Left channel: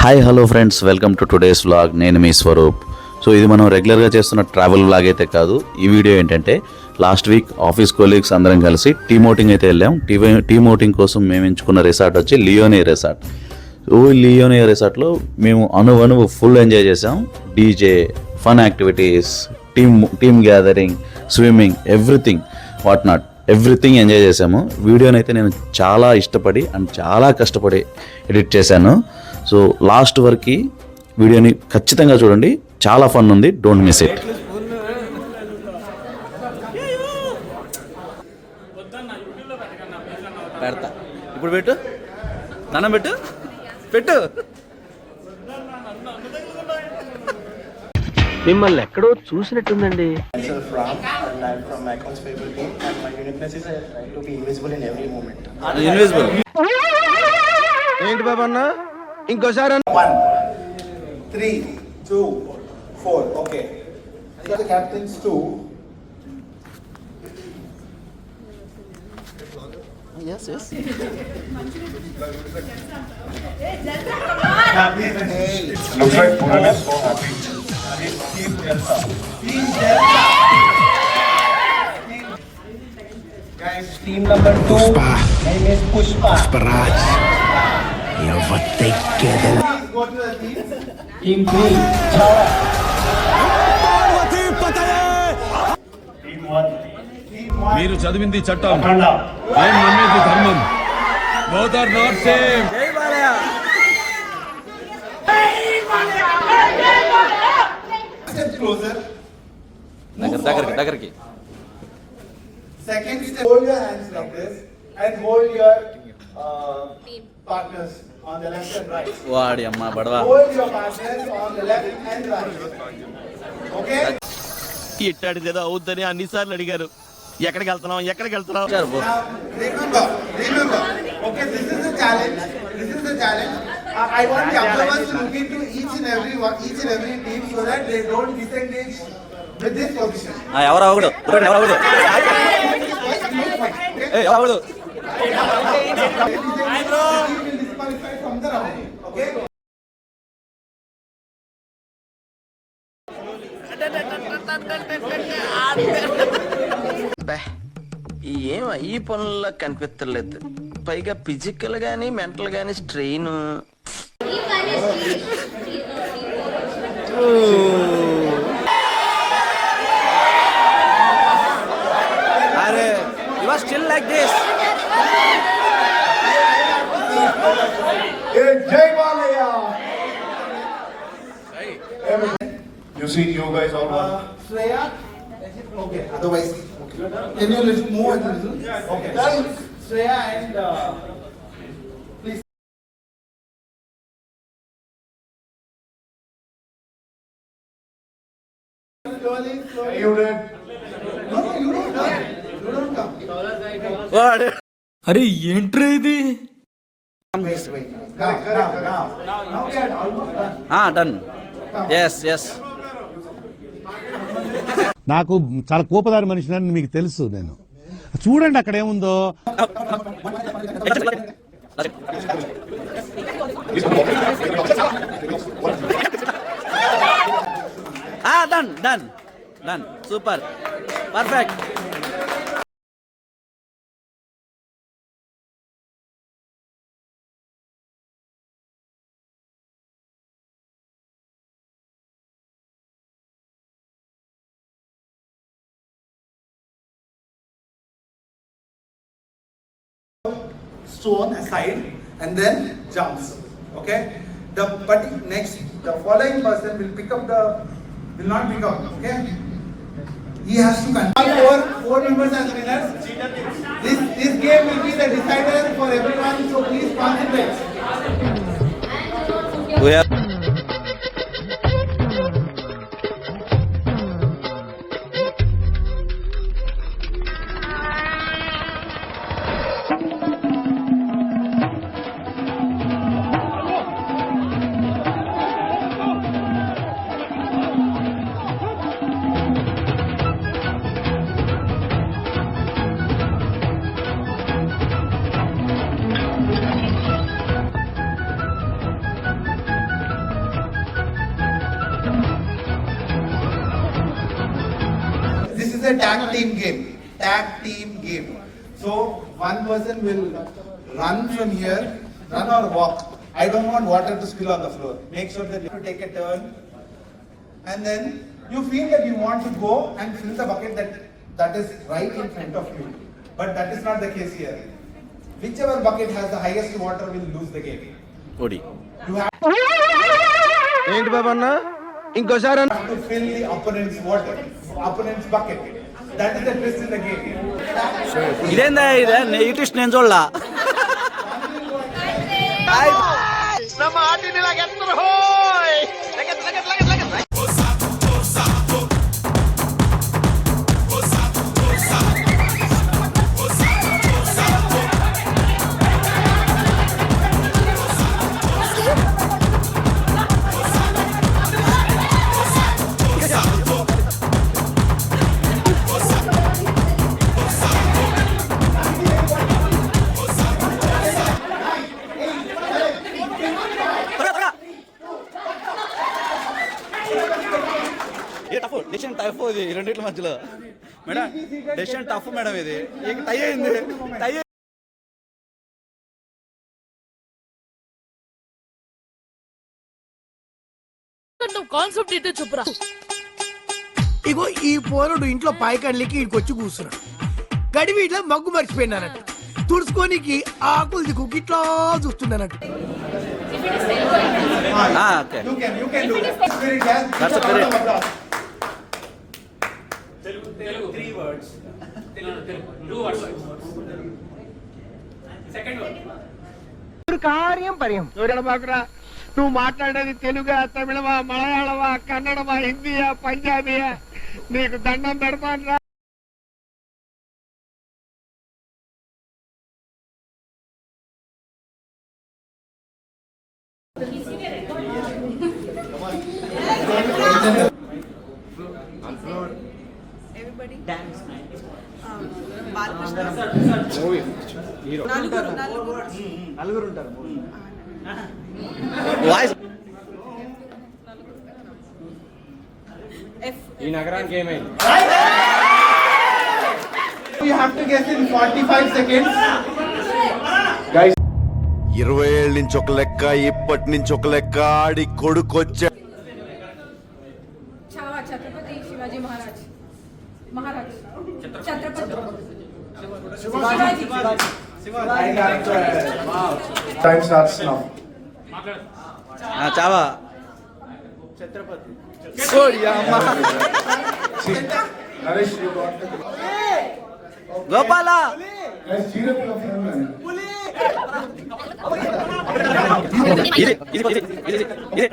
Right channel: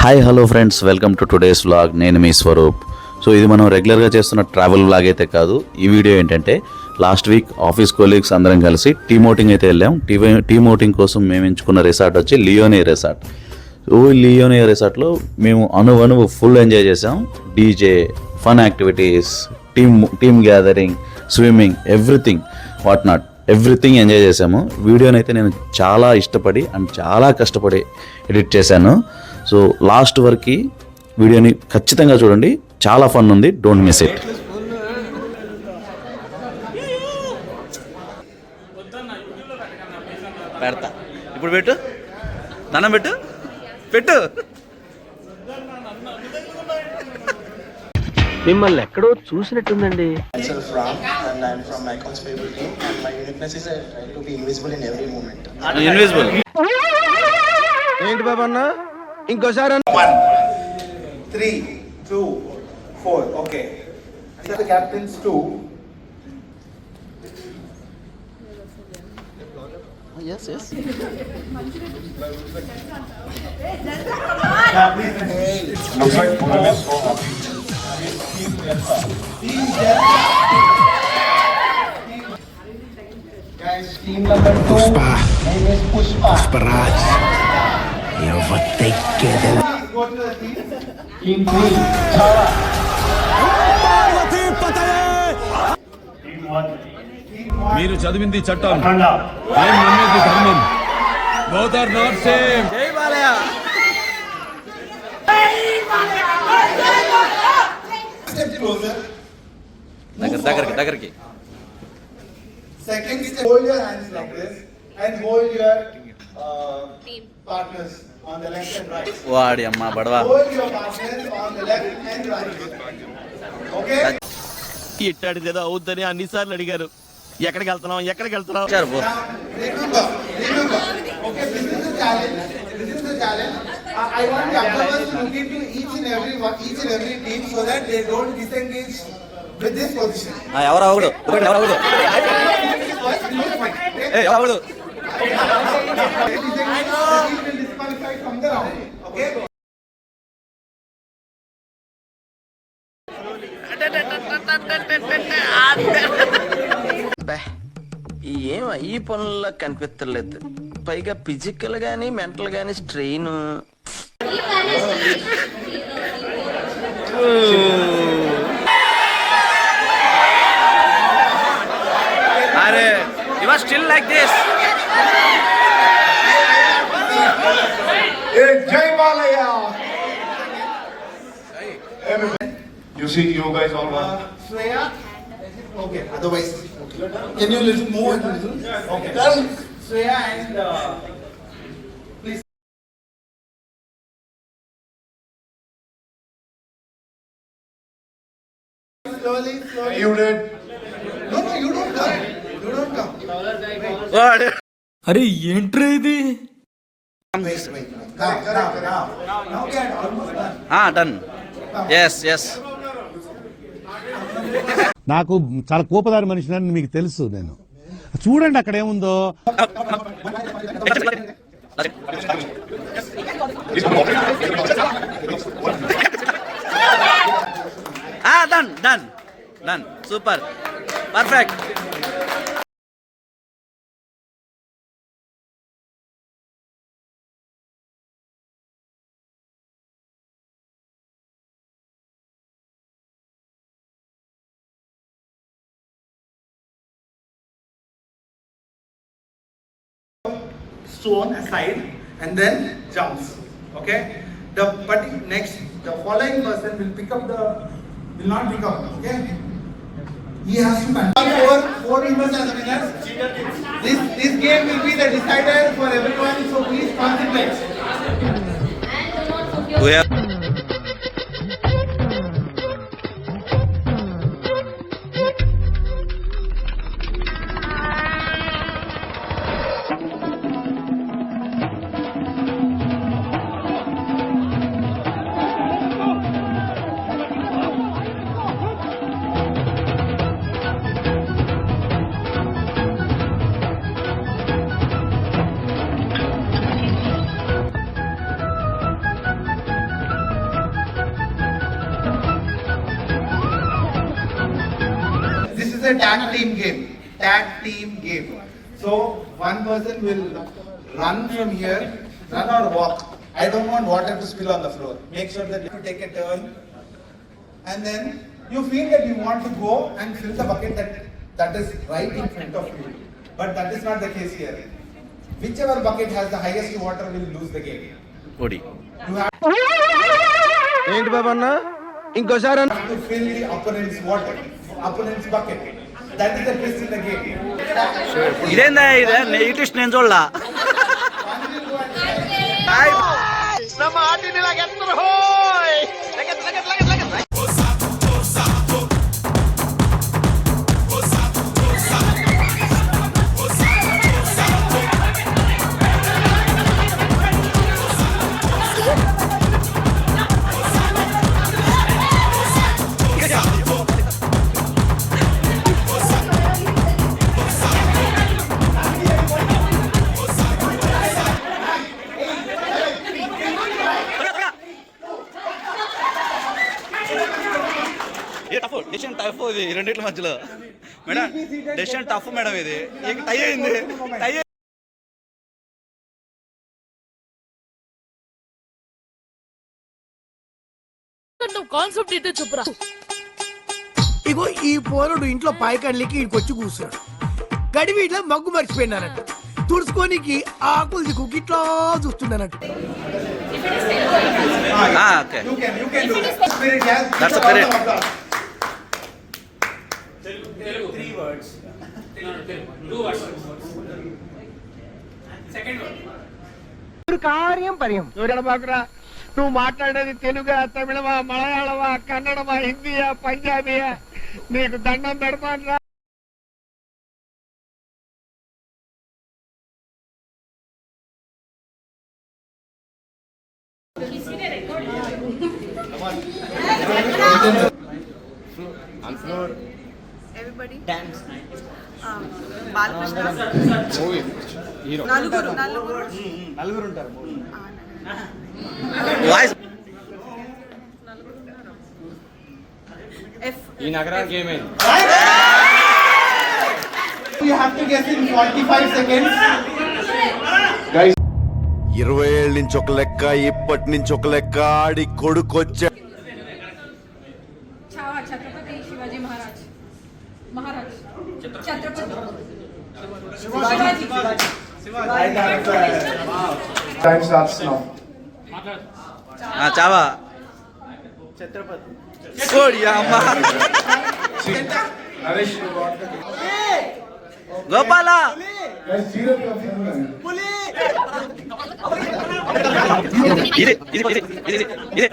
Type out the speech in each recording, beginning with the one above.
Hi hello friends, welcome to today's vlog. నేను మీ స్వరూప్. సో ఇది మనం రెగ్యులర్గా చేస్తున్న ట్రావెల్ వ్లాగ్ అయితే కాదు. ఈ వీడియో ఏంటంటే లాస్ట్ వీక్ ఆఫీస్ కొలీగ్స్ అందరం కలిసి టీమ్ అవుటింగ్ అయితే వెళ్ళాం. టీమ్ అవుటింగ్ కోసం మేము ఎంచుకున్న రిసార్ట్ వచ్చి లియోనే రిసార్ట్. లియోనే రిసార్ట్లో మేము అణువణువు ఫుల్ ఎంజాయ్ చేసాం. DJ, fun activities, team gathering, swimming, everything enjoy చేసాము. వీడియోని అయితే నేను చాలా ఇష్టపడి అండ్ చాలా కష్టపడి ఎడిట్ చేశాను. సో లాస్ట్ వరకు వీడియోని ఖచ్చితంగా చూడండి, చాలా ఫన్ ఉంది. Don't miss it. పెడతా ఇప్పుడు, పెట్టు, దండం పెట్టు. మిమ్మల్ని ఎక్కడో చూసినట్టుందండి. ఇన్విజిబుల్ ఏంటి బాబా అన్న, ఇంకోసారి 1, 3, 2, 4. Okay. These are the captains too. yes. Guys, team number 2. Name is Pushpa. Pusparaj. Eu vou ter que... Please go to the team. Team 3. మీరు చదివింది చట్టం, నేను నమ్మేది ధర్మం. Both are not same. జై బాలయ్య. Step closer. దగ్గరికి. Second step, hold your hands like this and hold your partners on the left and right. వాడి అమ్మ బడవా. Hold your partners on the left and right. Okay? ఇట్టాడు కదా అవుద్దని అన్నిసార్లు అడిగారు. ఎక్కడికి వెళ్తున్నాం? Now, remember. Okay, this is the challenge. I want the observers to look into each and every team so that they don't disengage with this position. ఎవరు అవడు. Will disqualify from the round. Okay? ఏం ఈ పనుల్లో కనిపించలేదు. పైగా ఫిజికల్ గానీ మెంటల్ గానీ strain. అరే you are still like this. Jai Balaya. You see, you guys all Shreya. Okay. Otherwise, okay. Can you listen more? Okay. Shreya and please. Slowly. you did. No, you don't come. You don't come. అరే ఏంట్రా ఇది? Wait. Now we are almost done. Done. Yes. నాకు చాలా కోపదారి మనిషిని మీకు తెలుసు. నేను చూడండి అక్కడ ఏముందో. Done super, perfect. Stone aside and then jumps. Okay. The following person will not pick up. Okay. He has to control four members as winners. This game will be the decider for everyone. So please concentrate. a tag team game. Tag team game. So one person will run from here, run or walk. I don't want water to spill on the floor. Make sure that you take a turn, and then you feel that you want to go and fill the bucket that is right in front of you. But that is not the case here. Whichever bucket has the highest water will lose the game. ఓడి You have ఏంటి బాబా అన్న ఇంకోసారి to fill the opponent's water, opponent's bucket. That is the twist in the game. ఇదేందా ఇదే నెగిటివ్ నేను చూడలా decision tough ఇది రెండిట్ల మధ్యలో మేడం డెసిషన్ టఫ్ మేడం ఇది టై అయింది టై కాన్సెప్ట్ ఏంటో చెప్పురా. ఇగో ఈ పోరుడు ఇంట్లో పాయకడ్లికి ఇక్కడికి వచ్చి కూర్చున్నాడు. గడివి ఇట్లా మగ్గు మర్చిపోయినానట్టు తుడుచుకోనికి ఆకులు దిక్కు ఇట్లా చూస్తున్నానట్టు. Okay You can do it. Spirit, yes. That's a spirit. కార్యం పర్యం బాకురా. నువ్వు మాట్లాడేది తెలుగా, తమిళమా, మలయాళమా, కన్నడమా, హిందీయా, పంజాబీయా? నీకు దండం పెడతాను రా. Everybody dance. బాలకృష్ణ నలుగురు ఉంటారు. వాయిస్ ఈ నగరానికి ఏమైంది? You have to guess in 45 seconds. 20 ఏళ్ళ నుంచి ఒక లెక్క, ఇప్పటి నుంచి ఒక లెక్క, ఆడి కొడుకొచ్చా. ఛత్రపతి శివాజీ మహారాజ్ Chhatrapati Time starts now. Chhaava కోడి అమ్మ గోపాల ఇది ఇది ఇది ఇది ఇది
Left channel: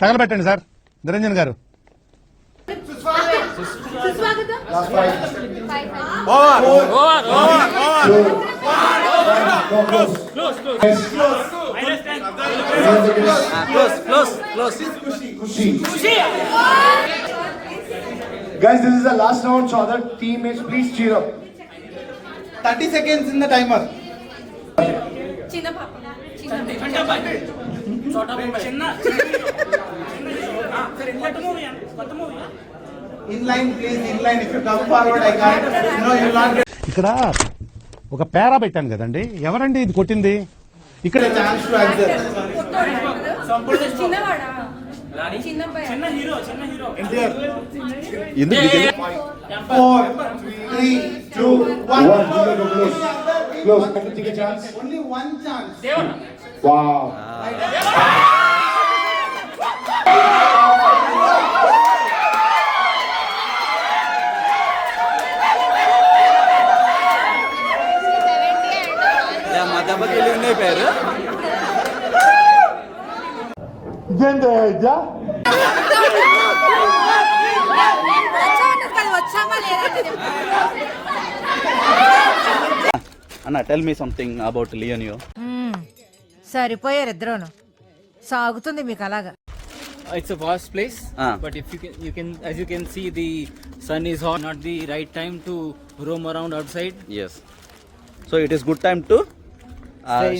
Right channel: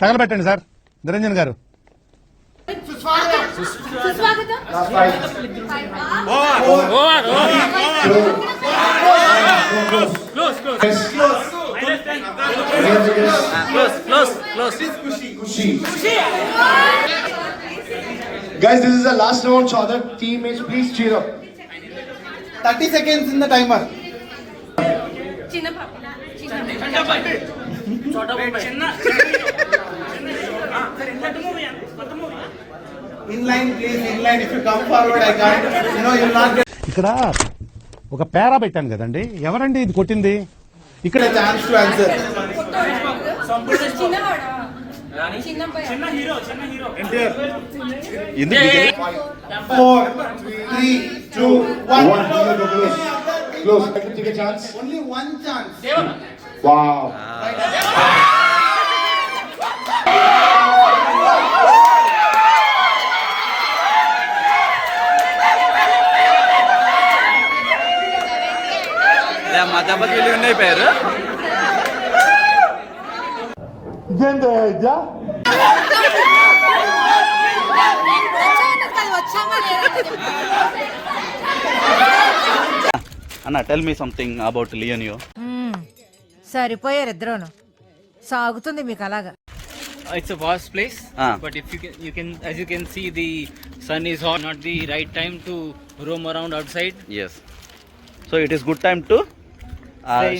తగలబెట్టండి సార్ నిరంజన్ గారు. సుస్వాగతం. Close Guys, this is the last round, so other teammates please cheer up. 30 seconds in the timer. చిన్న పాప In line, please. In line. If you come forward, I can't. No, you'll not get ఇక్కడ ఒక పేరా పెట్టాను కదండి, ఎవరండి ఇది కొట్టింది? ఇక్కడ a chance to answer. చిన్నవాడా చిన్నబ్బాయి ఎందుకు ఇది? 4, 3, 2, 1. One, close. Close. Let me take a chance. Only one chance. Wow. మా దెబ్బకి వెళ్ళి ఉన్నాయి పేరు అన్న. టెల్ మీ సంథింగ్ అబౌట్ లియోనియో. సరిపోయారు ఇద్దరును. సాగుతుంది మీకు అలాగా. It's a vast place, but if you can, as you can see, the sun is hot. Not the right time to roam around outside. Yes. So it is good time to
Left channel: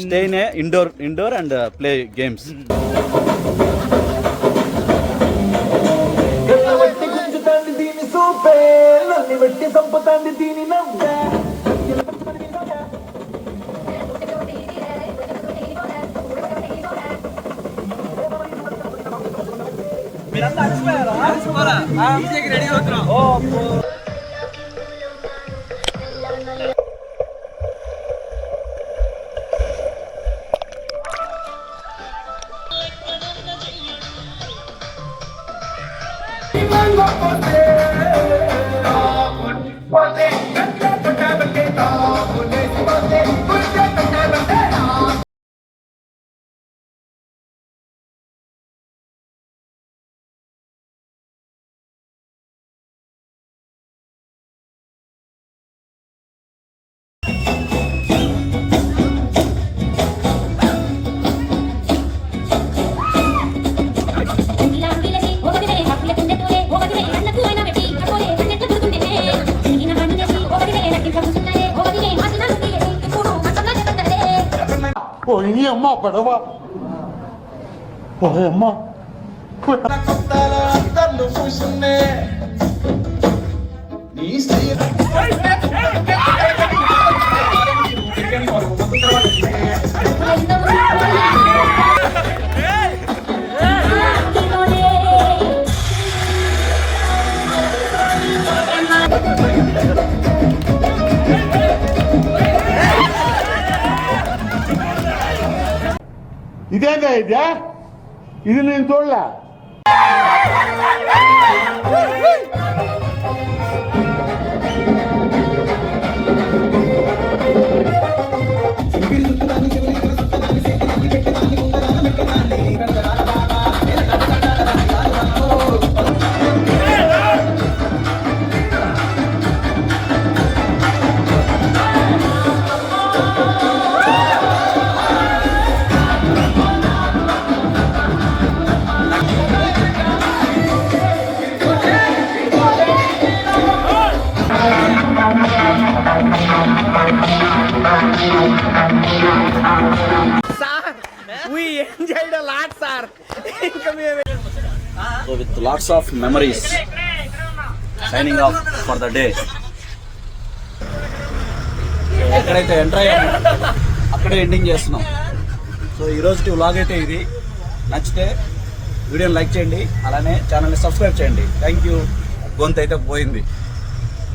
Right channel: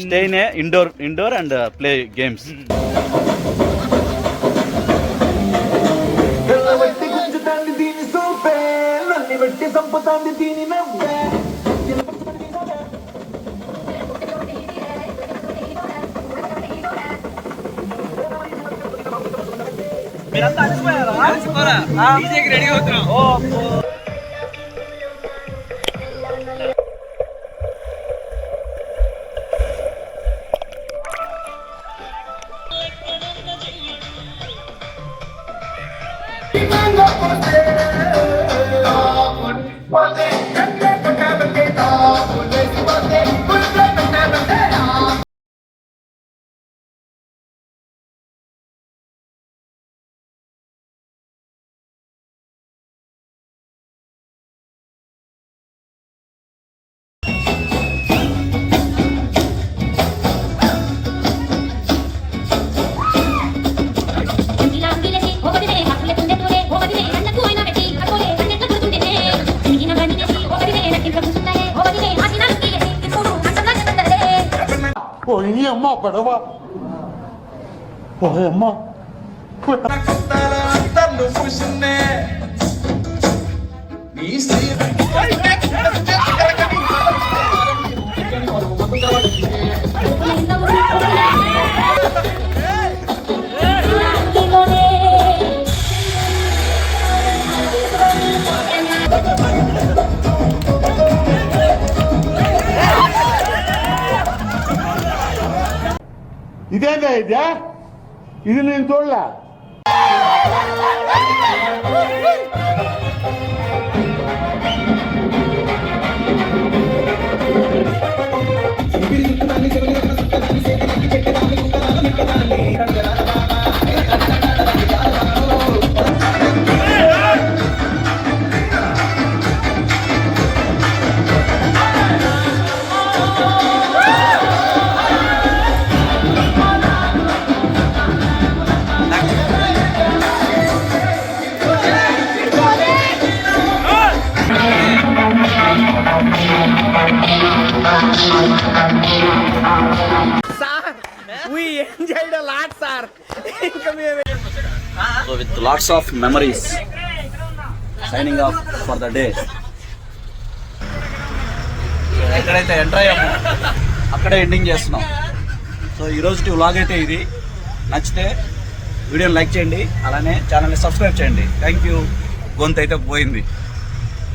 stay in indoor and play games. Ready అవుతున్నాం. ఇదేందా ఇదే? ఇది నేను చూడలే. So with lots of memories, signing off for the day. ఎక్కడైతే ఎంటర్ అయ్యామో అక్కడే ఎండింగ్ చేస్తున్నాం. సో ఈరోజు వ్లాగ్ అయితే ఇది. నచ్చితే వీడియోని లైక్ చేయండి, అలానే ఛానల్ని సబ్స్క్రైబ్ చేయండి. Thank you. గొంతు అయితే పోయింది.